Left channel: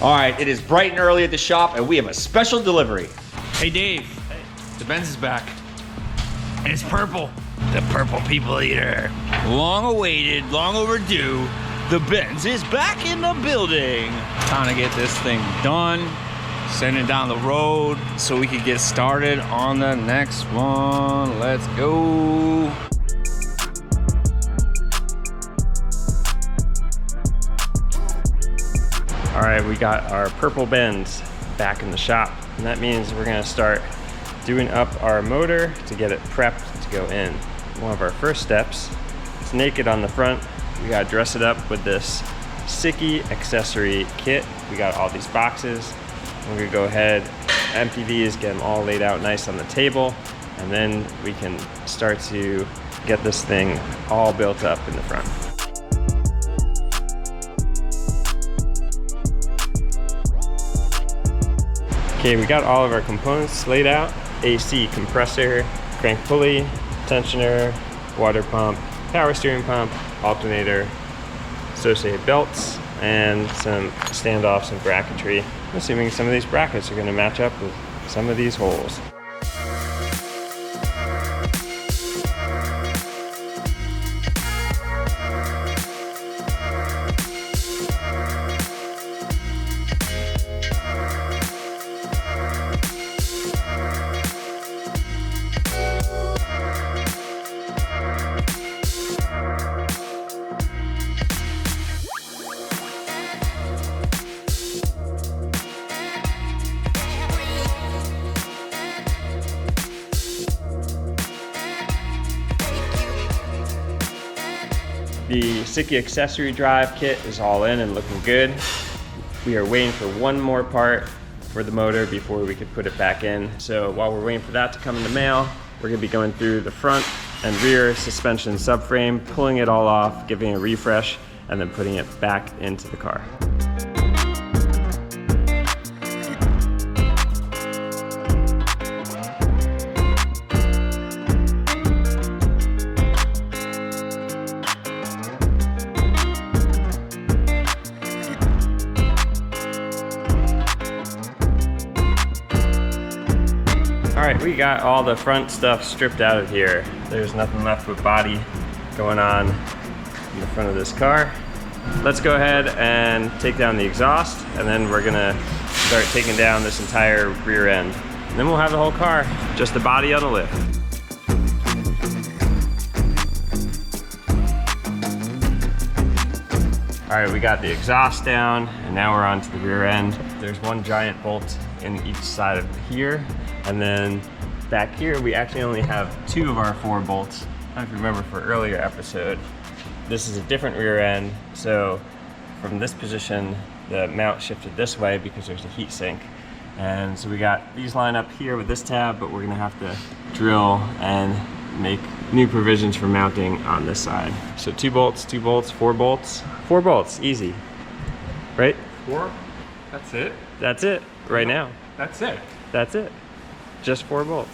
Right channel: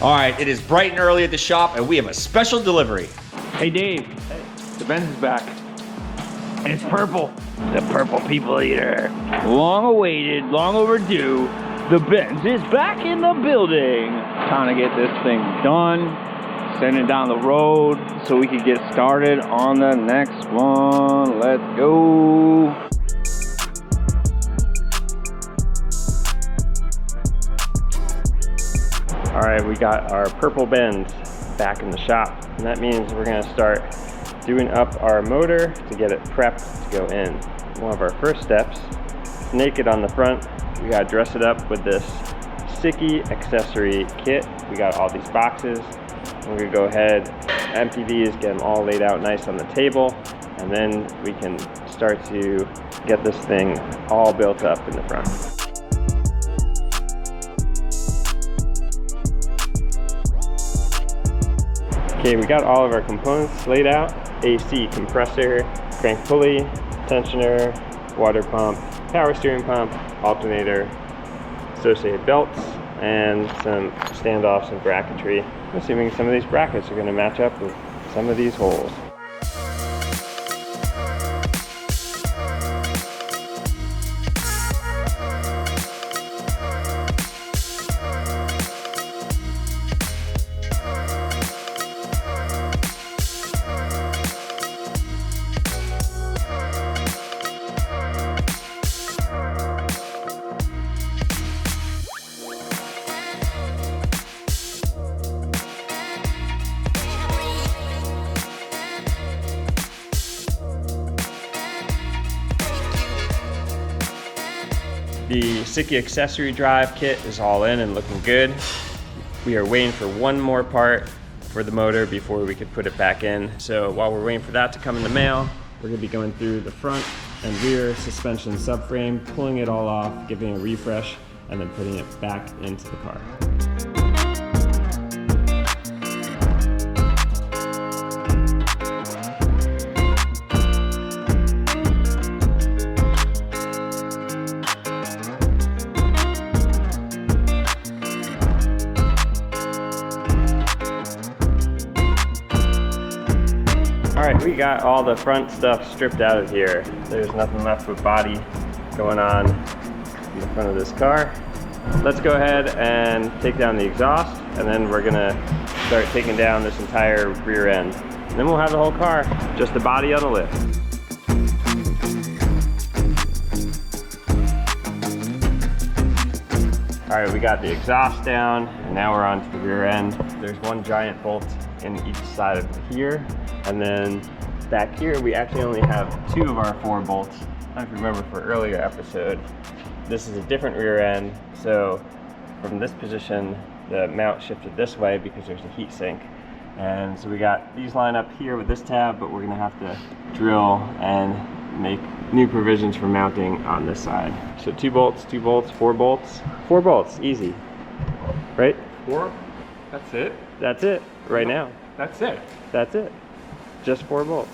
All right, it is bright and early at the shop, and we have a special delivery. Hey Dave, the Benz is back. And it's purple. The purple people eater. Long awaited, long overdue. The Benz is back in the building. Time to get this thing done. Send it down the road so we can get started on the next one. Let's go. All right, we got our purple Benz back in the shop, and that means we're gonna start doing up our motor to get it prepped to go in. One of our first steps, it's naked on the front. We gotta dress it up with this Sikky accessory kit. We got all these boxes. We're gonna go ahead, empty these, get them all laid out nice on the table, and then we can start to get this thing all built up in the front. Okay, we got all of our components laid out. AC compressor, crank pulley, tensioner, water pump, power steering pump, alternator, associated belts, and some standoffs and bracketry. I'm assuming some of these brackets are going to match up with some of these holes. The Sikky accessory drive kit is all in and looking good. We are waiting for one more part for the motor before we could put it back in. So while we're waiting for that to come in the mail, we're gonna be going through the front and rear suspension subframe, pulling it all off, giving a refresh, and then putting it back into the car. We got all the front stuff stripped out of here. There's nothing left with body going on in the front of this car. Let's go ahead and take down the exhaust, and then we're gonna start taking down this entire rear end. And then we'll have the whole car, just the body on the lift. All right, we got the exhaust down, and now we're on to the rear end. There's one giant bolt in each side of here, and then back here we actually only have 2 of our 4 bolts. I don't know if you remember for earlier episode, this is a different rear end, so from this position the mount shifted this way because there's a heat sink. And so we got these lined up here with this tab, but we're gonna have to drill and make new provisions for mounting on this side. So 2 bolts, 2 bolts, 4 bolts. 4 bolts, easy, right? 4? That's it? That's it, right now. That's it? That's it, just 4 bolts.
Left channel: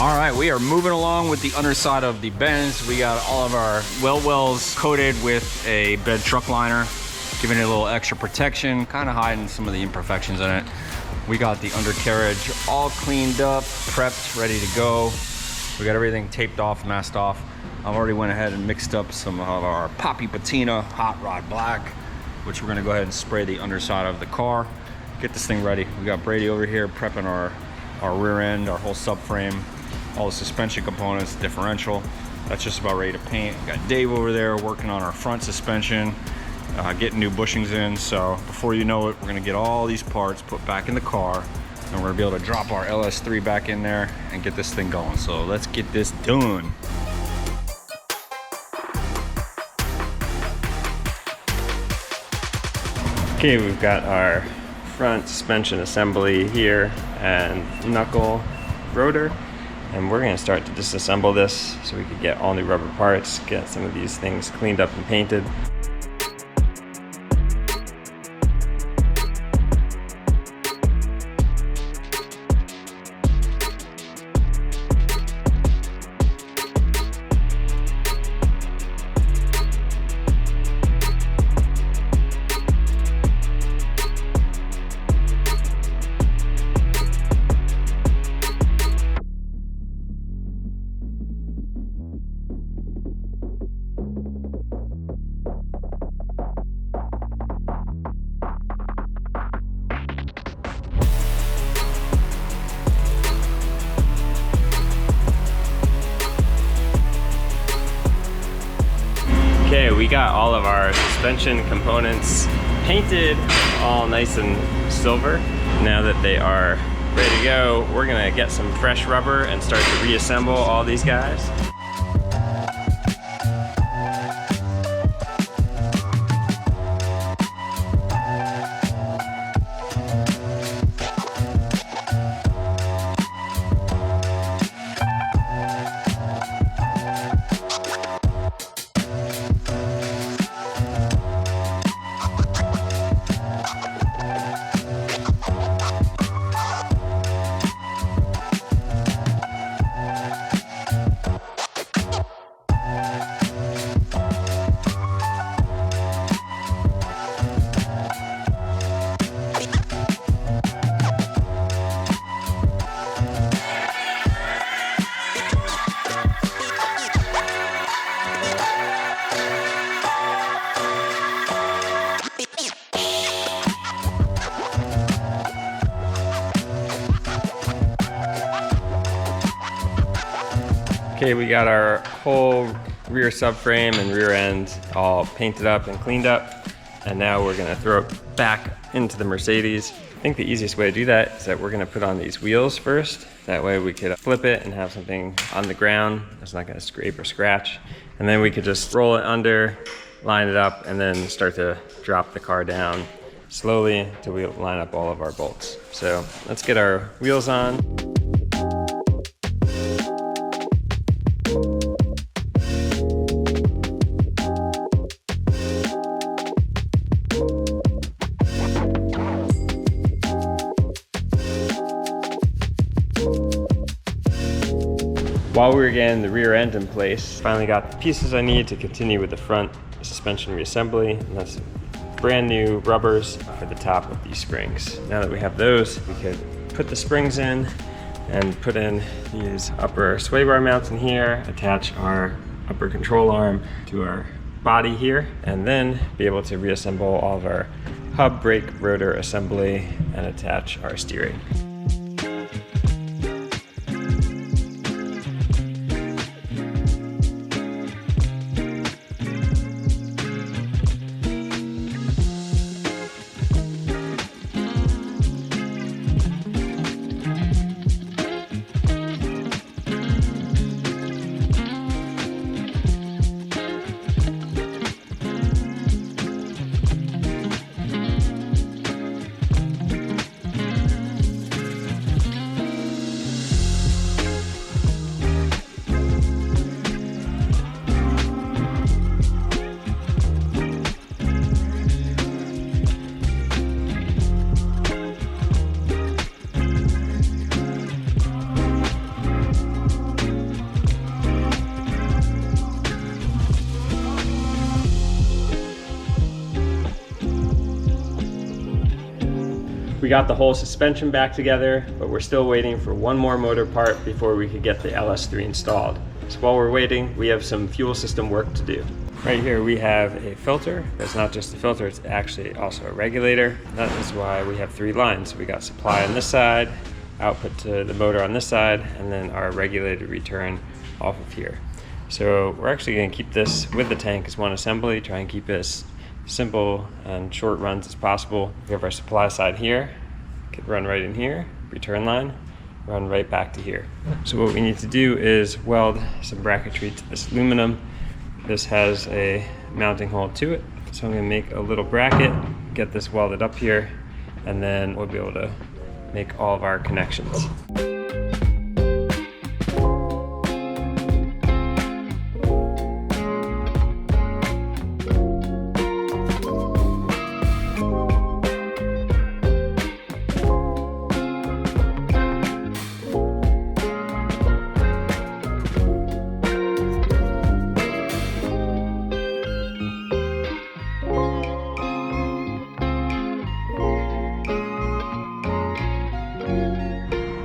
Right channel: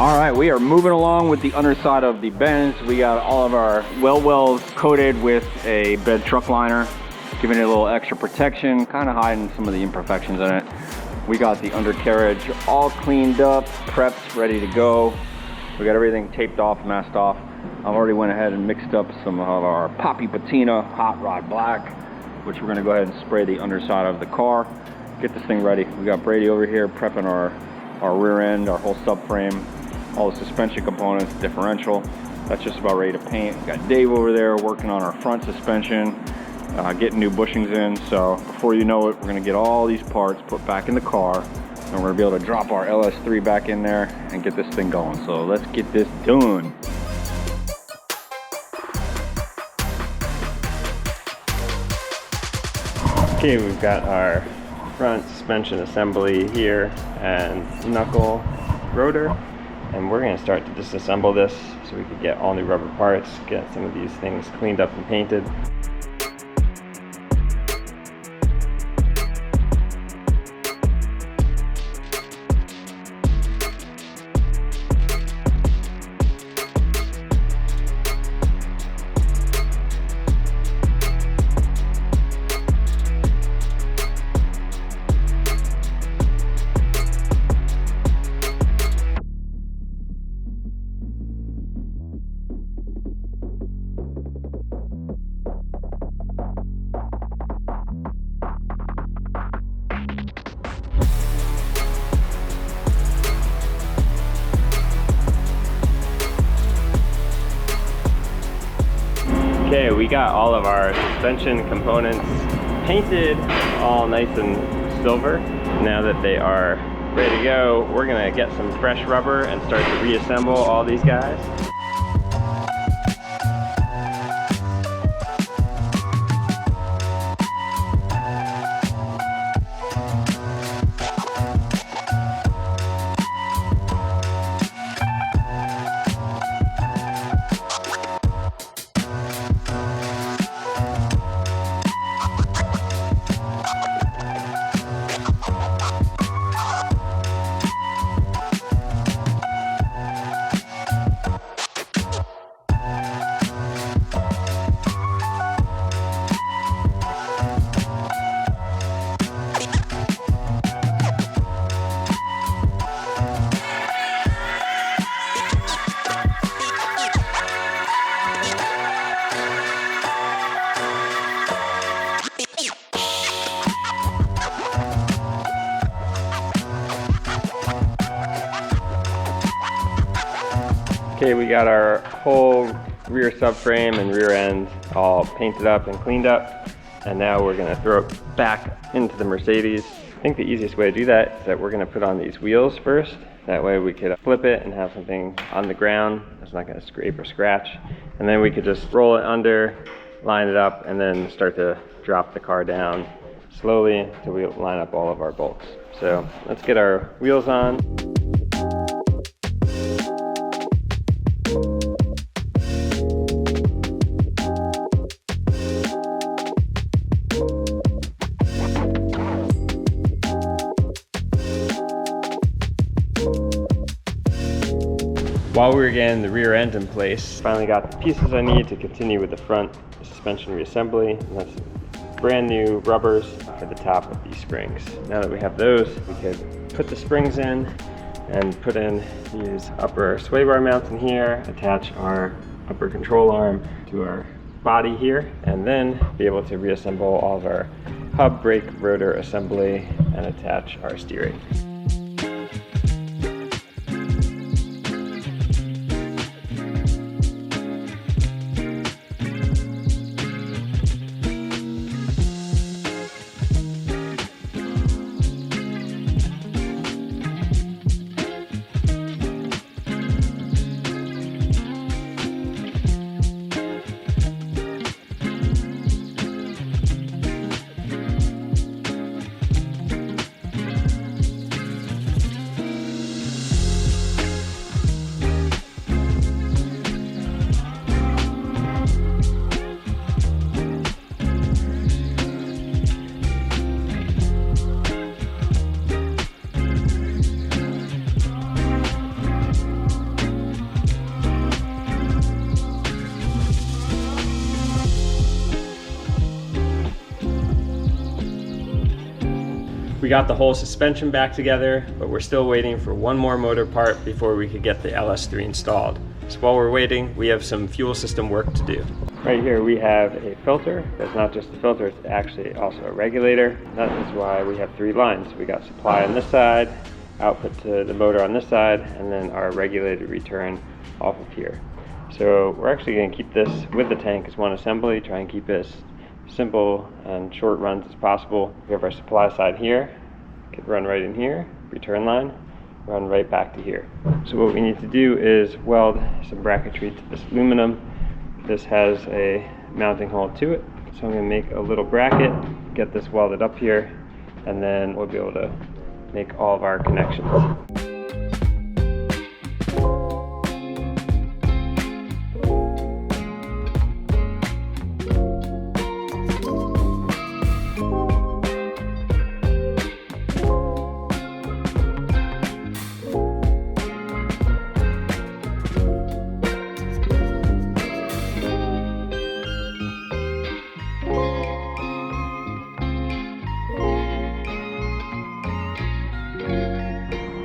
All right, we are moving along with the underside of the Benz. We got all of our well wells coated with a bed truck liner, giving it a little extra protection, kind of hiding some of the imperfections in it. We got the undercarriage all cleaned up, prepped, ready to go. We got everything taped off, masked off. I've already went ahead and mixed up some of our Poppy Patina Hot Rod Black, which we're gonna go ahead and spray the underside of the car. Get this thing ready. We got Brady over here prepping our rear end, our whole subframe, all the suspension components, differential. That's just about ready to paint. We got Dave over there working on our front suspension, getting new bushings in. So before you know it, we're gonna get all these parts put back in the car and we're gonna be able to drop our LS3 back in there and get this thing going. So let's get this done. Okay, we've got our front suspension assembly here and knuckle rotor, and we're going to start to disassemble this so we could get all new rubber parts, get some of these things cleaned up and painted. Okay, we got all of our suspension components painted all nice and silver. Now that they are ready to go, we're gonna get some fresh rubber and start to reassemble all these guys. Okay, we got our whole rear subframe and rear end all painted up and cleaned up, and now we're gonna throw it back into the Mercedes. I think the easiest way to do that is that we're gonna put on these wheels first. That way we could flip it and have something on the ground that's not gonna scrape or scratch. And then we could just roll it under, line it up, and then start to drop the car down slowly until we line up all of our bolts. So let's get our wheels on. While we were getting the rear end in place, finally got the pieces I need to continue with the front suspension reassembly, and that's brand new rubbers for the top of these springs. Now that we have those, we could put the springs in and put in these upper sway bar mounts in here, attach our upper control arm to our body here, and then be able to reassemble all of our hub, brake, rotor assembly and attach our steering. We got the whole suspension back together, but we're still waiting for one more motor part before we could get the LS3 installed. So while we're waiting, we have some fuel system work to do. Right here we have a filter. That's not just a filter, it's actually also a regulator. That is why we have three lines. We got supply on this side, output to the motor on this side, and then our regulated return off of here. So we're actually going to keep this with the tank as one assembly, try and keep it as simple and short runs as possible. We have our supply side here, could run right in here, return line, run right back to here. So what we need to do is weld some bracketry to this aluminum. This has a mounting hole to it. So I'm gonna make a little bracket, get this welded up here, and then we'll be able to make all of our connections.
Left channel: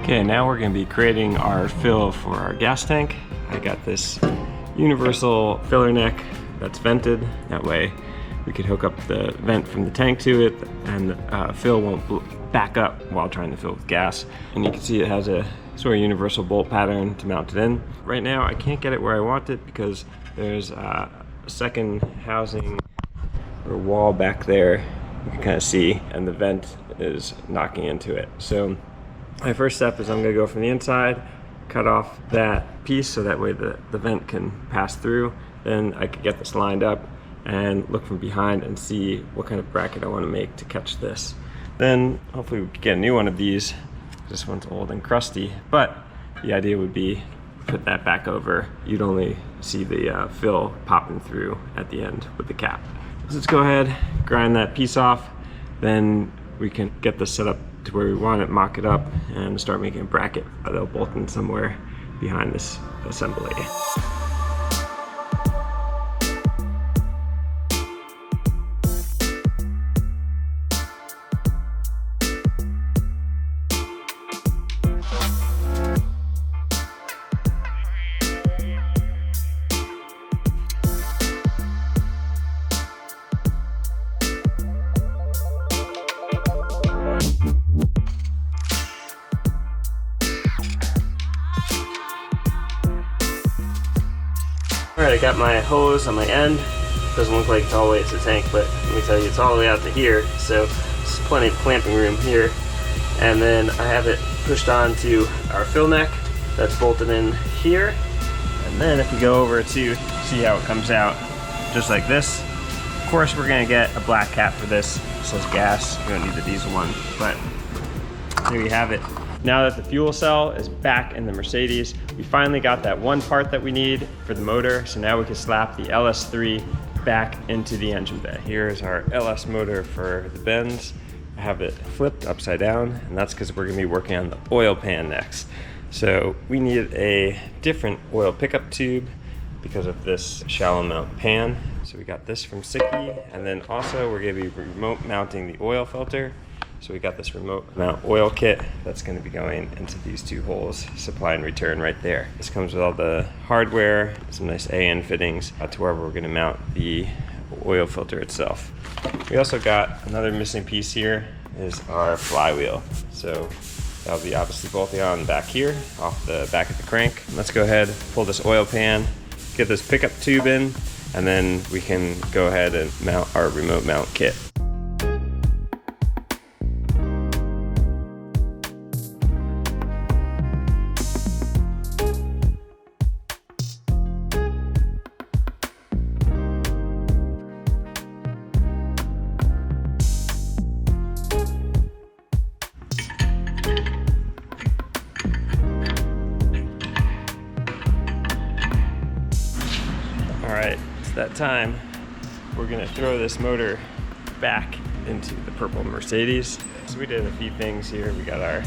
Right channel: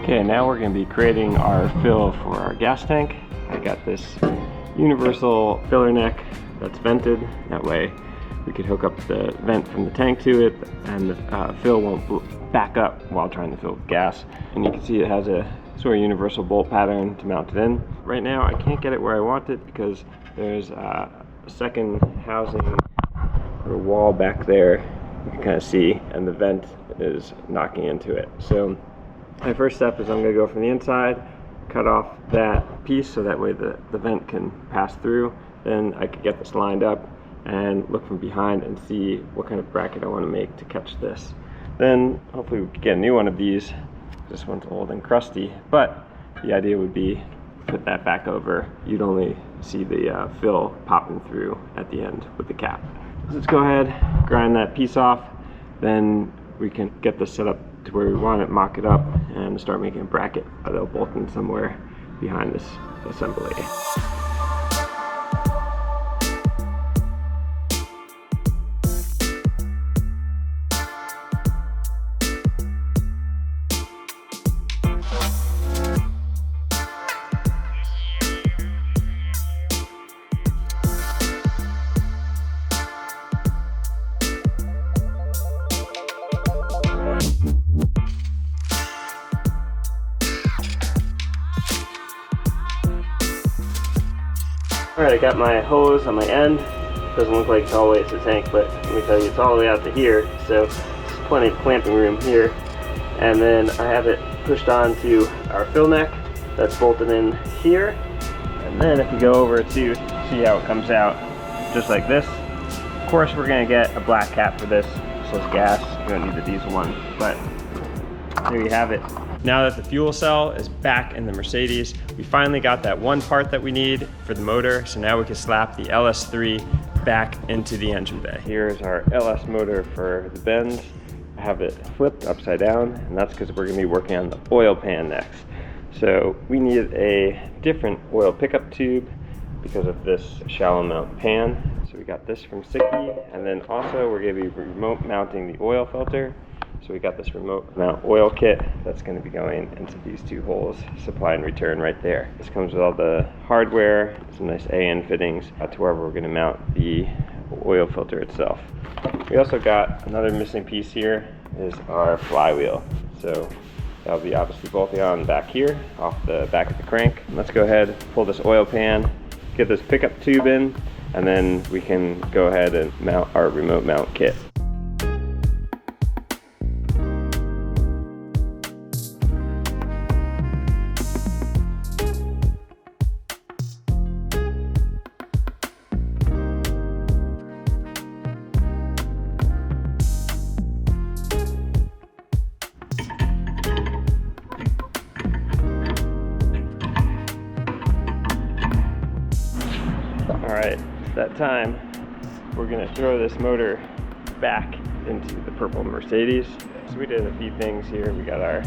Okay, now we're going to be creating our fill for our gas tank. I got this universal filler neck that's vented. That way we could hook up the vent from the tank to it and the fill won't back up while trying to fill with gas. And you can see it has a sort of universal bolt pattern to mount it in. Right now I can't get it where I want it because there's a second housing or wall back there you can kind of see, and the vent is knocking into it. So my first step is I'm going to go from the inside, cut off that piece so that way the vent can pass through. Then I could get this lined up and look from behind and see what kind of bracket I want to make to catch this. Then hopefully we could get a new one of these. This one's old and crusty, but the idea would be put that back over. You'd only see the fill popping through at the end with the cap. So let's go ahead, grind that piece off, then we can get this set up to where we want it, mock it up, and start making a bracket that'll bolt in somewhere behind this assembly. Alright, I got my hose on my end. Doesn't look like it's all the way to the tank, but let me tell you, it's all the way out to here, so there's plenty of clamping room here. And then I have it pushed onto our fill neck that's bolted in here. And then if we go over to see how it comes out, just like this. Of course, we're gonna get a black cap for this. It says gas, we don't need the diesel one, but there you have it. Now that the fuel cell is back in the Mercedes, we finally got that one part that we need for the motor, so now we can slap the LS3 back into the engine bay. Here's our LS motor for the Benz. I have it flipped upside down, and that's because we're gonna be working on the oil pan next. So we need a different oil pickup tube because of this shallow mount pan. So we got this from Sikky, and then also we're gonna be remote mounting the oil filter. So we got this remote mount oil kit that's going to be going into these two holes, supply and return right there. This comes with all the hardware, some nice AN fittings to wherever we're going to mount the oil filter itself. We also got another missing piece here is our flywheel. So that'll be obviously bolting on back here off the back of the crank. Let's go ahead, pull this oil pan, get this pickup tube in, and then we can go ahead and mount our remote mount kit. Alright, it's that time. We're gonna throw this motor back into the purple Mercedes. So we did a few things here. We got our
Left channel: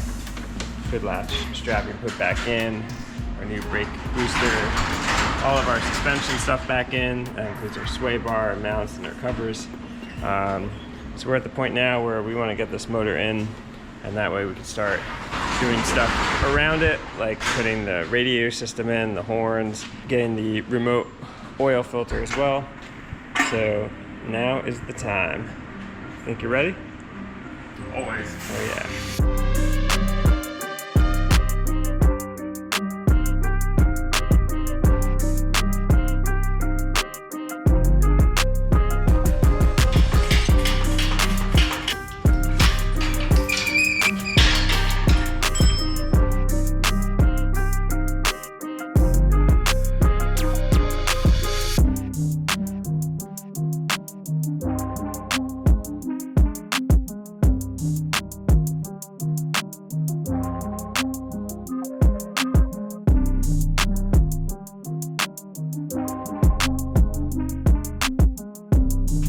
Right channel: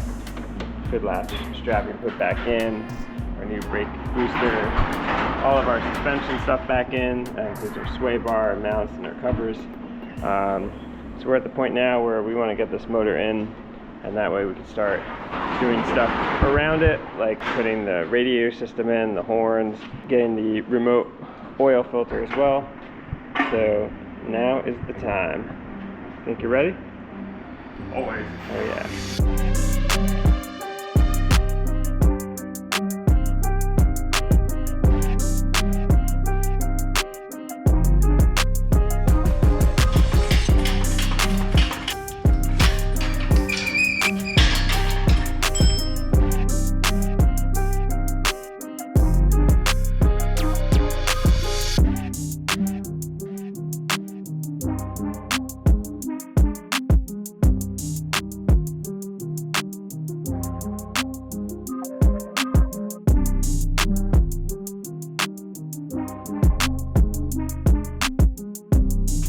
hood latch strapping put back in, our new brake booster, all of our suspension stuff back in. That includes our sway bar, our mounts, and our covers. So we're at the point now where we want to get this motor in, and that way we can start doing stuff around it, like putting the radio system in, the horns, getting the remote oil filter as well. So now is the time. Think you're ready? Always. Oh yeah.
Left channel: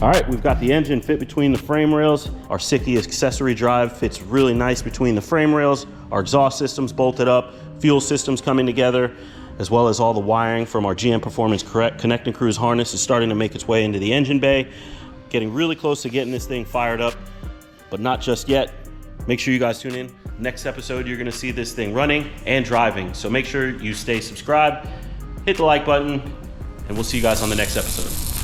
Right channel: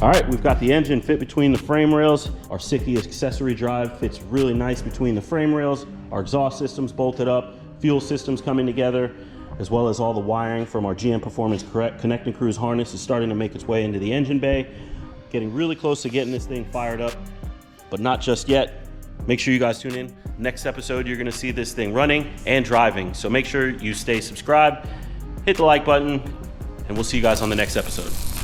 All right, we've got the engine fit between the frame rails. Our Sikky accessory drive fits really nice between the frame rails. Our exhaust system's bolted up, fuel system's coming together, as well as all the wiring from our GM Performance Connect and Cruise harness is starting to make its way into the engine bay. Getting really close to getting this thing fired up, but not just yet. Make sure you guys tune in. Next episode, you're gonna see this thing running and driving. So make sure you stay subscribed, hit the like button, and we'll see you guys on the next episode.